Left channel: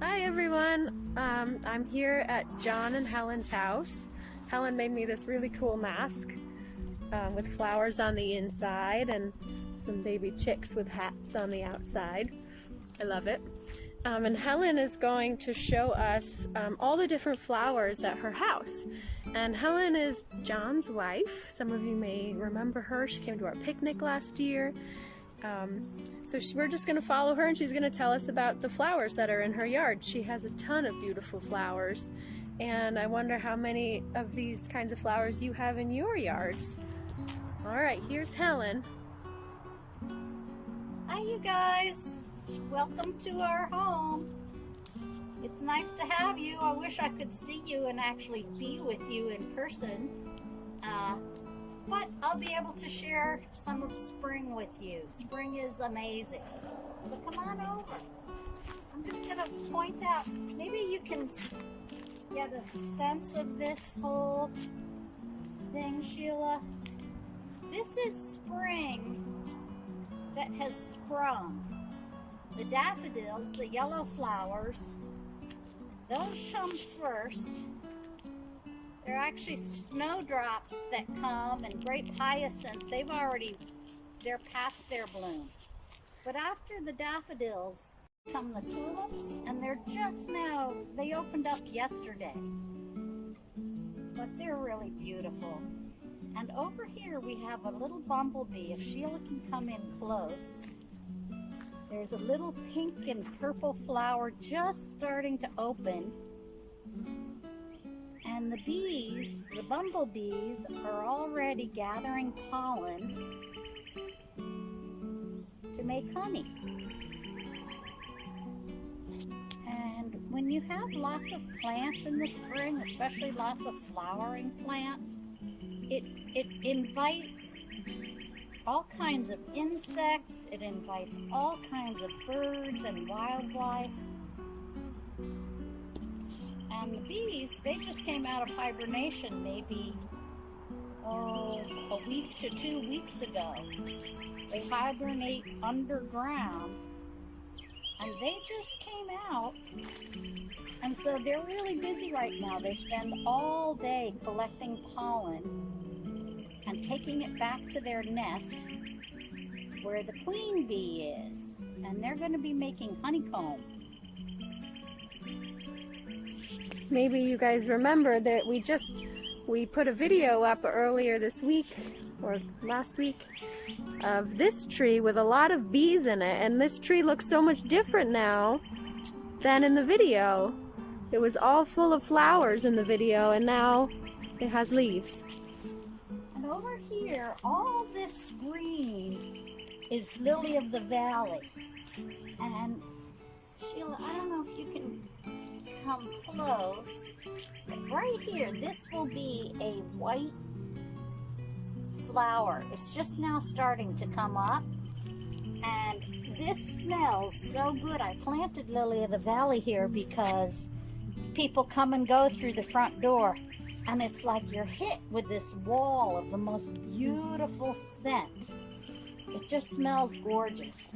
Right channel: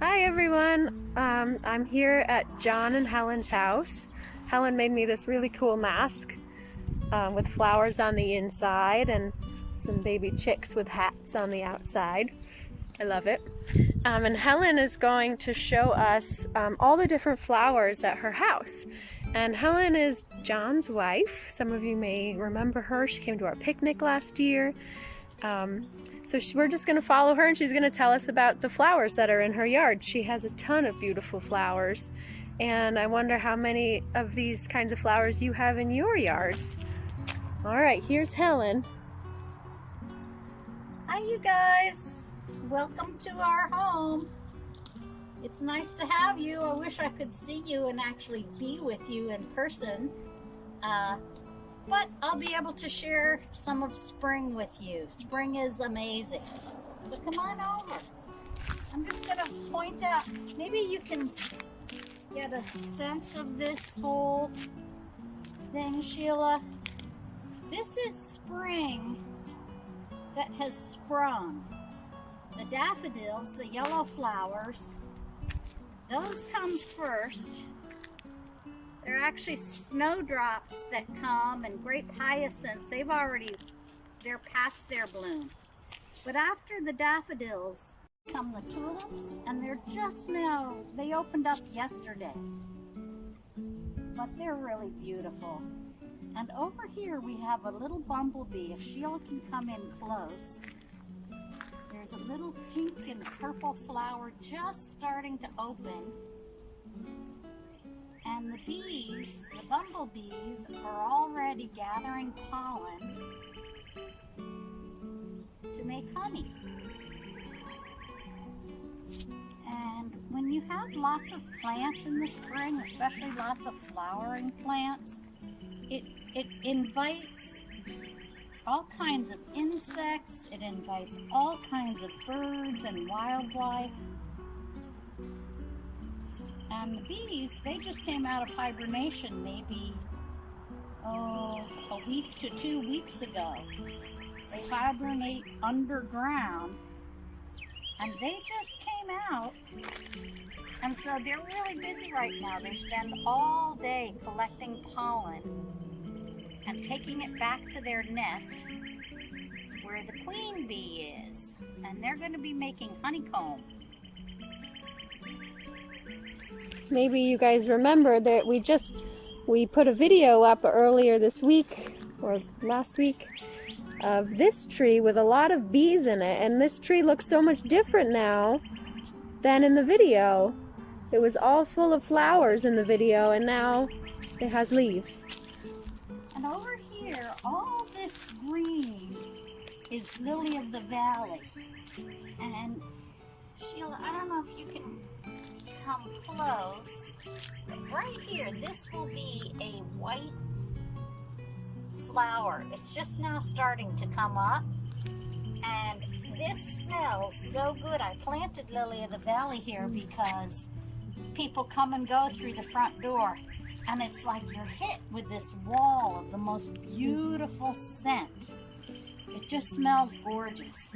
Hi everyone, I'm here at John and Helen's house. Helen made me this really cool mask with flowers on the inside and some baby chicks with hats on the outside. I love it. And Helen is going to show us all the different flowers at her house. And Helen is John's wife. Some of you may remember her. She came to our picnic last year. We're just going to follow her, and she's going to tell us about the flowers that are in her yard. She has a ton of beautiful flowers, and I wonder how many of these kinds of flowers you have in your yards. All right, here's Helen. Hi you guys, welcome to our home. It's nice to have you. I wish I could see you and actually be with you in person. But I'll be able to share some of spring with you. Spring is amazing. So come on over. I'm just going to point out, maybe you can get a sense of this whole thing, Sheila. This is spring that has sprung. The daffodils, the yellow flowers, those come first. They're actually snowdrops that come, and grape hyacinths, they're past their bloom. But after the daffodils come the tulips, and they're just now, they opened up yesterday. But they're really beautiful. And over here we have a little bumblebee. If Sheila can come in close, there's a little pink and purple flower just starting to open. And the bees, the bumblebees, are already gathering pollen to make honey. And when you have lots of plants in the spring, especially lots of flowering plants, it invites all kinds of insects, it invites all kinds of birds and wildlife. And the bees, they just came out of hibernation maybe, a week to 2 weeks ago. They hibernate underground, and they just came out. And so they're really busy right now. They spend all day collecting pollen and taking it back to their nest where the queen bee is. And they're going to be making honeycomb. Maybe you guys remember that we put a video up earlier this week or last week of this tree with a lot of bees in it, and this tree looks so much different now than in the video. It was all full of flowers in the video, and now it has leaves. And over here, all this green is lily of the valley. And Sheila, I don't know if you can come close, but right here, this will be a white flower. It's just now starting to come up, and this smells so good. I planted lily of the valley here because people come and go through the front door, and it's like you're hit with this wall of the most beautiful scent. It just smells gorgeous.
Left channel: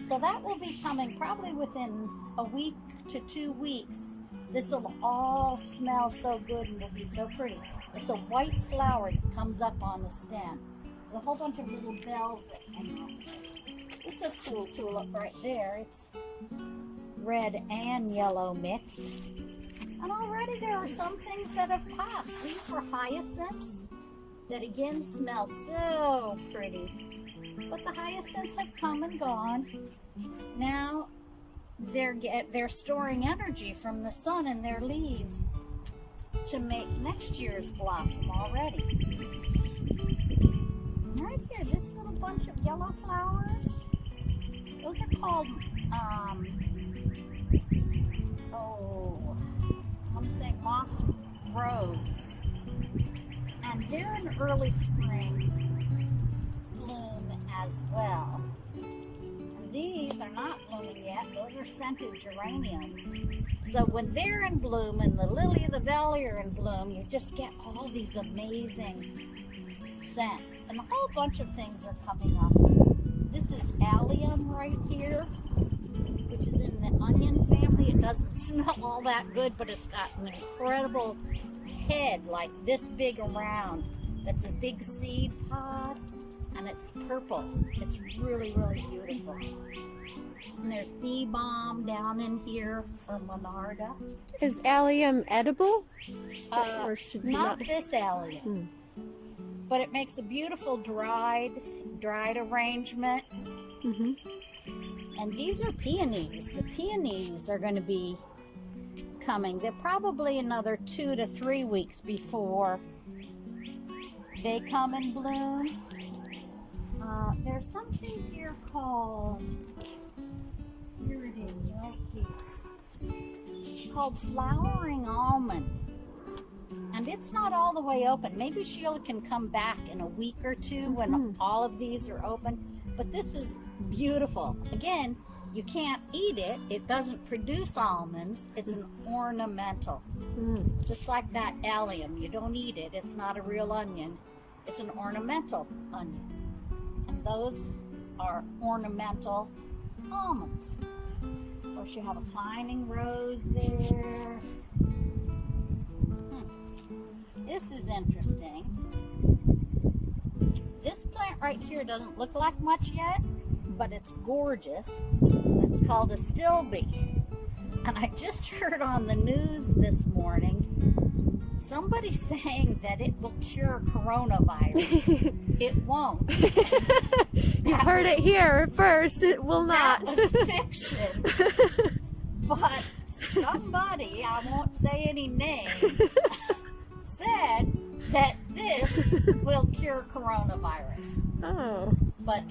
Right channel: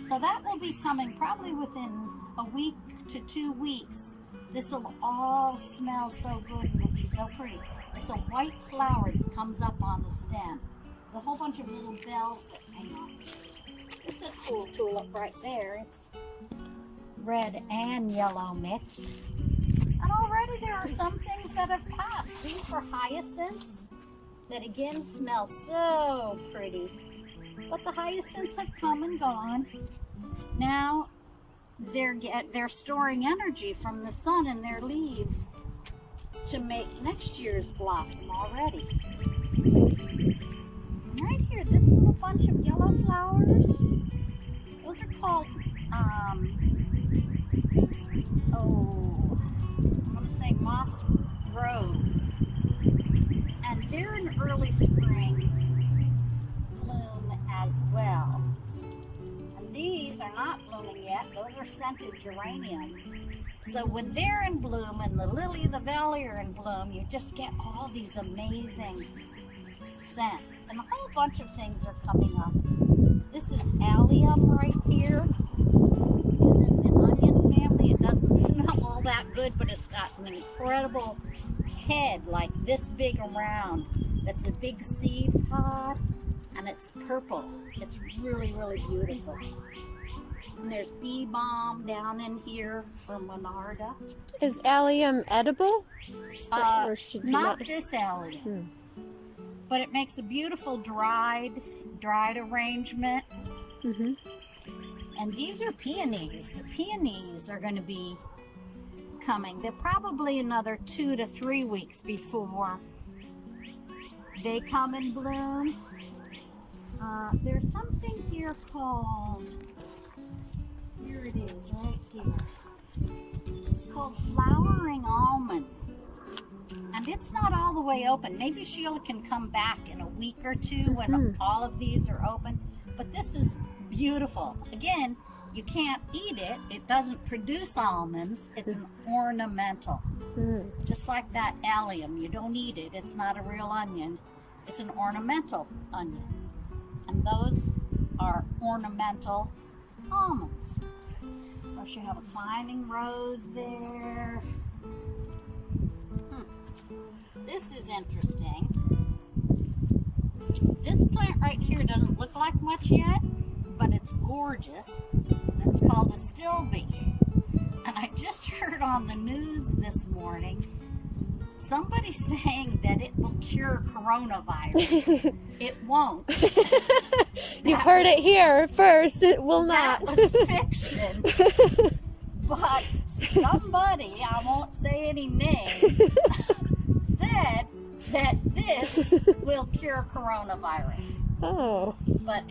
So that will be coming probably within a week to 2 weeks. This will all smell so good and will be so pretty. It's a white flower that comes up on the stem. There's a whole bunch of little bells that come out. It's a cool tulip right there. It's red and yellow mixed. And already there are some things that have passed. These were hyacinths that again smell so pretty. But the hyacinths have come and gone. Now they're storing energy from the sun in their leaves to make next year's blossom already. Right here, this little bunch of yellow flowers, those are called, I'm saying moss rose. And they're in early spring bloom as well. These are not blooming yet. Those are scented geraniums. So when they're in bloom and the lily of the valley are in bloom, you just get all these amazing scents. And a whole bunch of things are coming up. This is allium right here, which is in the onion family. It doesn't doesn't smell all that good, but it's got an incredible head like this big around. That's a big seed pod, and it's purple. It's really, really beautiful. And there's bee balm down in here for Monarda. Is allium edible? Or should we Not this allium. But it makes a beautiful dried arrangement. And these are peonies. The peonies are going to be coming. They're probably another 2 to 3 weeks before they come and bloom. There's something here called, here it is, right here. It's called flowering almond. And it's not all the way open. Maybe Sheila can come back in a week or two when all of these are open. But this is beautiful. Again, you can't eat it. It doesn't produce almonds. It's an ornamental. Just like that allium. You don't eat it. It's not a real onion. It's an ornamental onion. And those are ornamental almonds. Of course, you have a climbing rose there. This is interesting. This plant right here doesn't look like much yet, but it's gorgeous. It's called a stilby. And I just heard on the news this morning somebody saying that it will cure coronavirus. It won't. You've heard it here first. It will not. That was fiction. But somebody, I won't say any name, said that this will cure coronavirus. Oh. But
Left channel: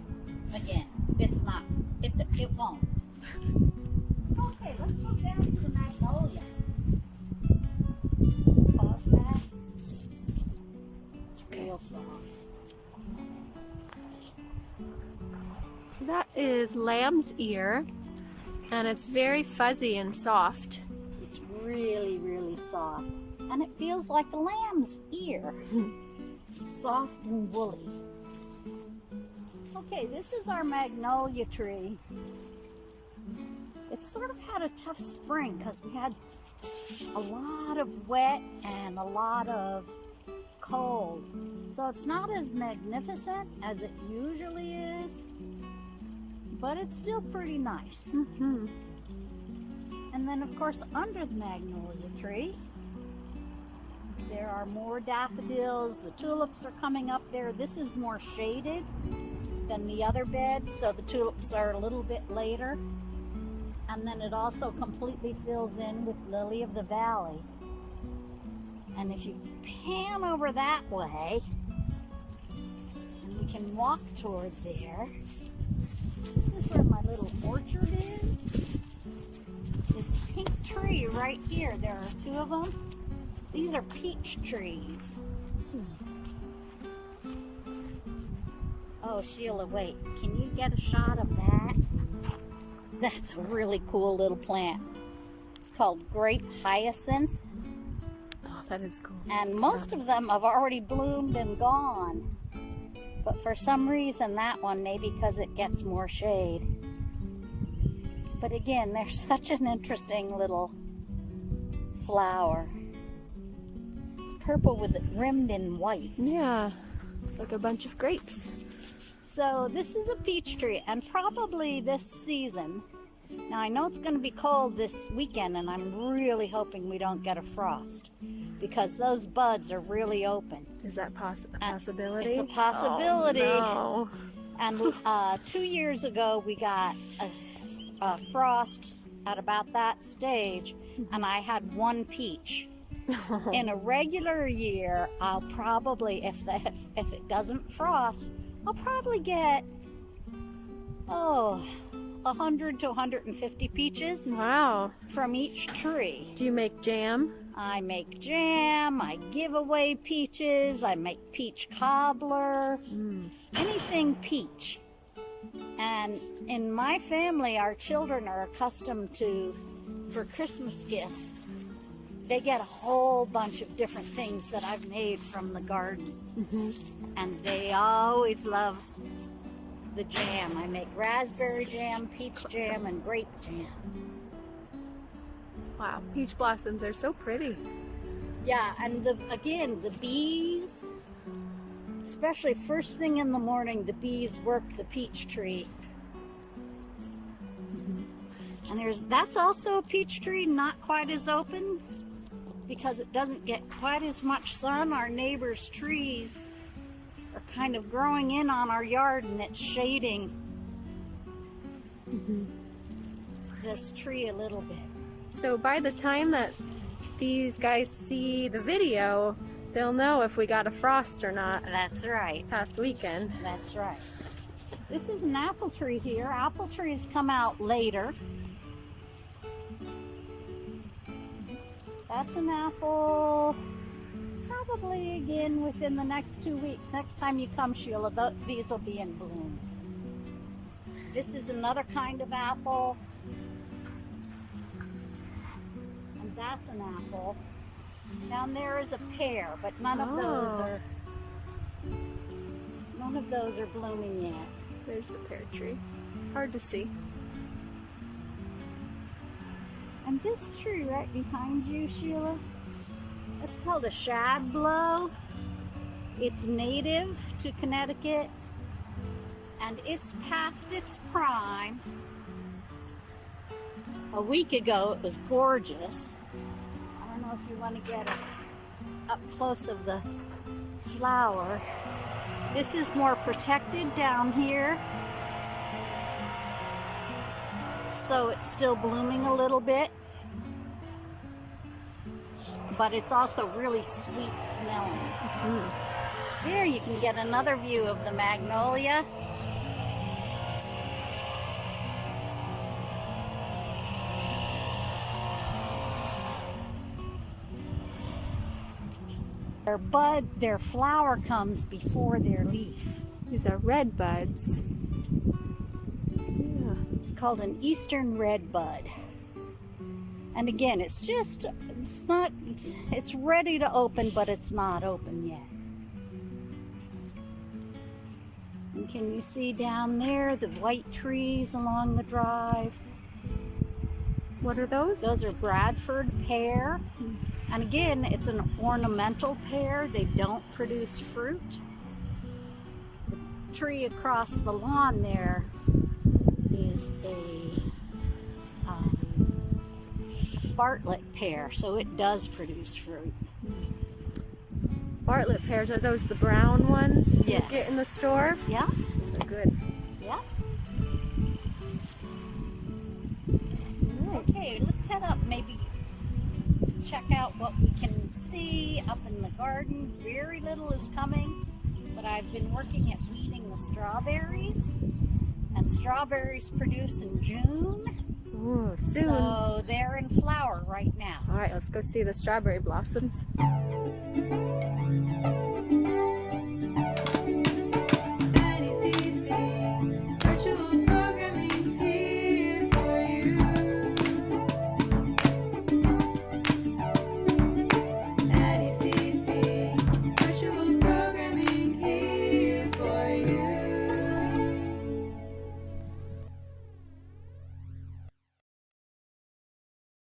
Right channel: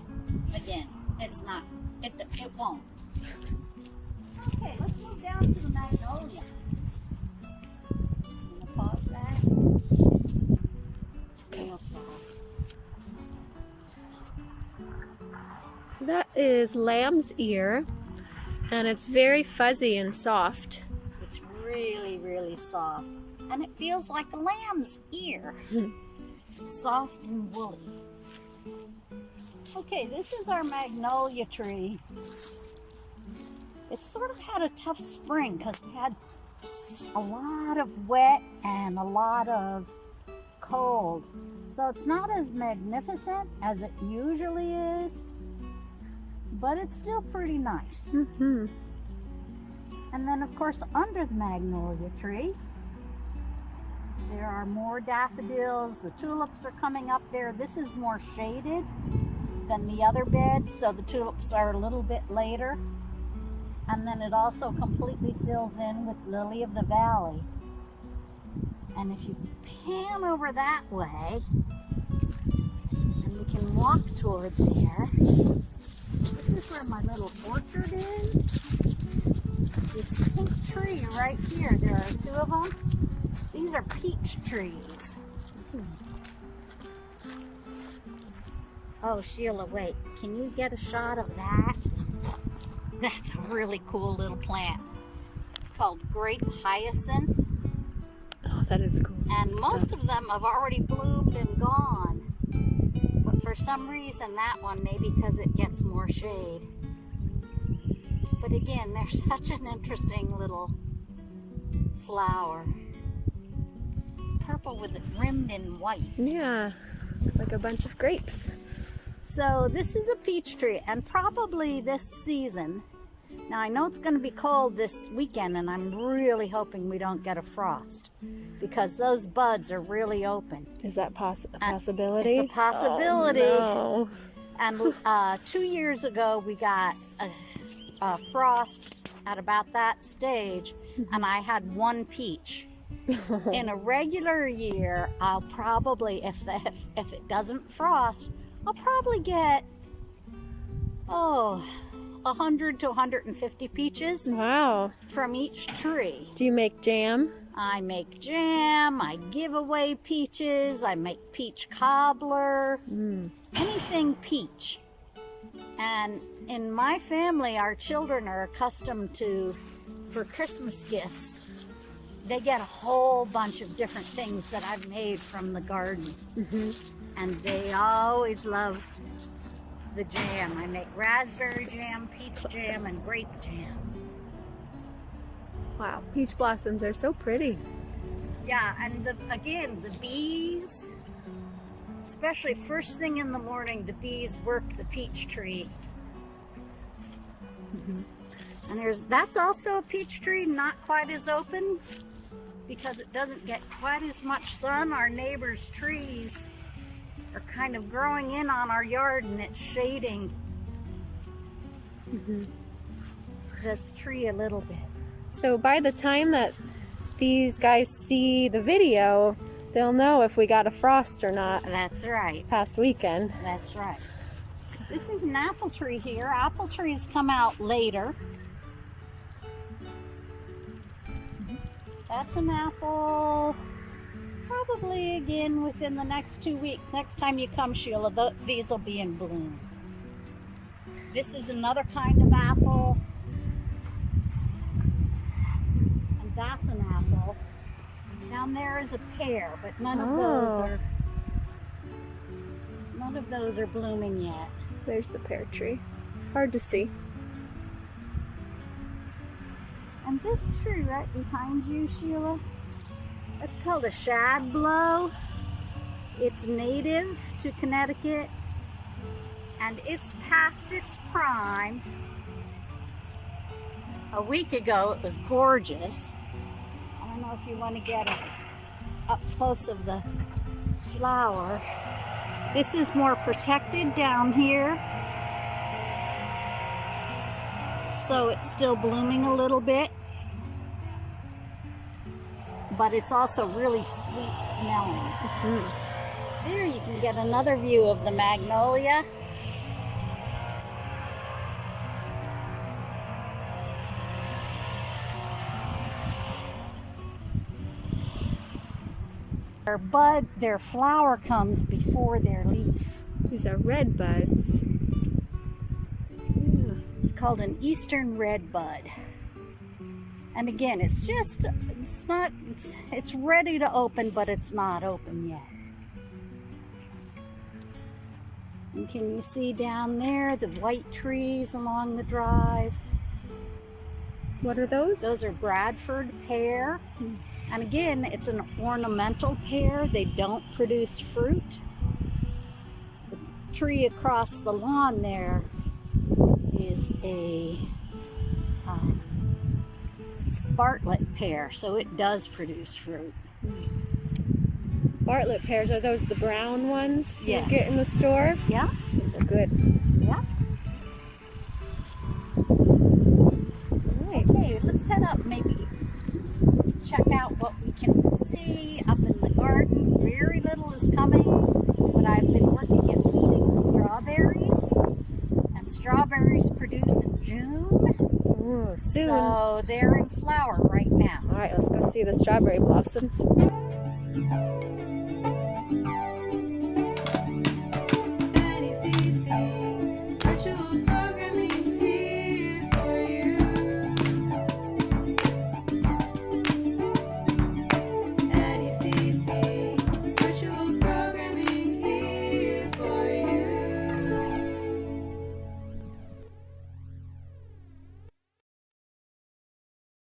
again, it's not. It won't. Okay, let's move down to the magnolia. Pause that. It's real soft. That is lamb's ear, and it's very fuzzy and soft. It's really, really soft. And it feels like a lamb's ear. Soft and woolly. Okay, this is our magnolia tree. It's sort of had a tough spring because we had a lot of wet and a lot of cold. So it's not as magnificent as it usually is, but it's still pretty nice. And then of course under the magnolia tree, there are more daffodils. The tulips are coming up there. This is more shaded than the other beds, so the tulips are a little bit later. And then it also completely fills in with lily of the valley. And if you pan over that way, and we can walk toward there, this is where my little orchard is. This pink tree right here, there are 2 of them. These are peach trees. Oh, Sheila, wait. Can you get a shot of that? That's a really cool little plant. It's called grape hyacinth. Oh, that is cool. And most of them have already bloomed and gone. But for some reason, that one, maybe because it gets more shade. But again, they're such an interesting little flower. Purple with it rimmed in white. Yeah, looks like a bunch of grapes. So this is a peach tree, and probably this season. Now I know it's going to be cold this weekend, and I'm really hoping we don't get a frost because those buds are really open. Is that a possibility? It's a possibility. Oh, no. And 2 years ago we got a frost at about that stage, and I had 1 peach. In a regular year, I'll probably, if it doesn't frost, I'll probably get 100 to 150 peaches. Wow. From each tree. Do you make jam? I make jam, I give away peaches, I make peach cobbler, anything peach. And in my family, our children are accustomed to, for Christmas gifts, they get a whole bunch of different things that I've made from the garden. And they always love the jam. I make raspberry jam, peach jam, and grape jam. Wow, peach blossoms, they're so pretty. Yeah, and again, the bees, especially first thing in the morning, the bees work the peach tree. And that's also a peach tree, not quite as open because it doesn't get quite as much sun. Our neighbors' trees are kind of growing in on our yard and it's shading this tree a little bit. So by the time that these guys see the video, they'll know if we got a frost or not. That's right. This past weekend. That's right. This is an apple tree here. Apple trees come out later. That's an apple, probably again within the next 2 weeks. Next time you come, Sheila, these will be in bloom. This is another kind of apple. And that's an apple. Down there is a pear, but none of those are blooming yet. There's the pear tree. Hard to see. And this tree right behind you, Sheila, it's called a shad blow. It's native to Connecticut, and it's past its prime. A week ago, it was gorgeous. I don't know if you want to get up close of the flower. This is more protected down here, so it's still blooming a little bit, but it's also really sweet smelling. There you can get another view of the magnolia. Their flower comes before their leaf. These are red buds. Yeah. It's called an eastern red bud. And again, it's ready to open, but it's not open yet. And can you see down there the white trees along the drive? What are those? Those are Bradford pear. And again, it's an ornamental pear. They don't produce fruit. The tree across the lawn there is a Bartlett pear, so it does produce fruit. Bartlett pears, are those the brown ones Yes. you get in the store? Yeah, Those are good. yeah. Right. Okay, let's head up, maybe check out what we can see up in the garden. Very little is coming, but I've been working at weeding the strawberries, and strawberries produce in June. Ooh, soon. So they're in flower right now. All right, let's go see the strawberry blossoms.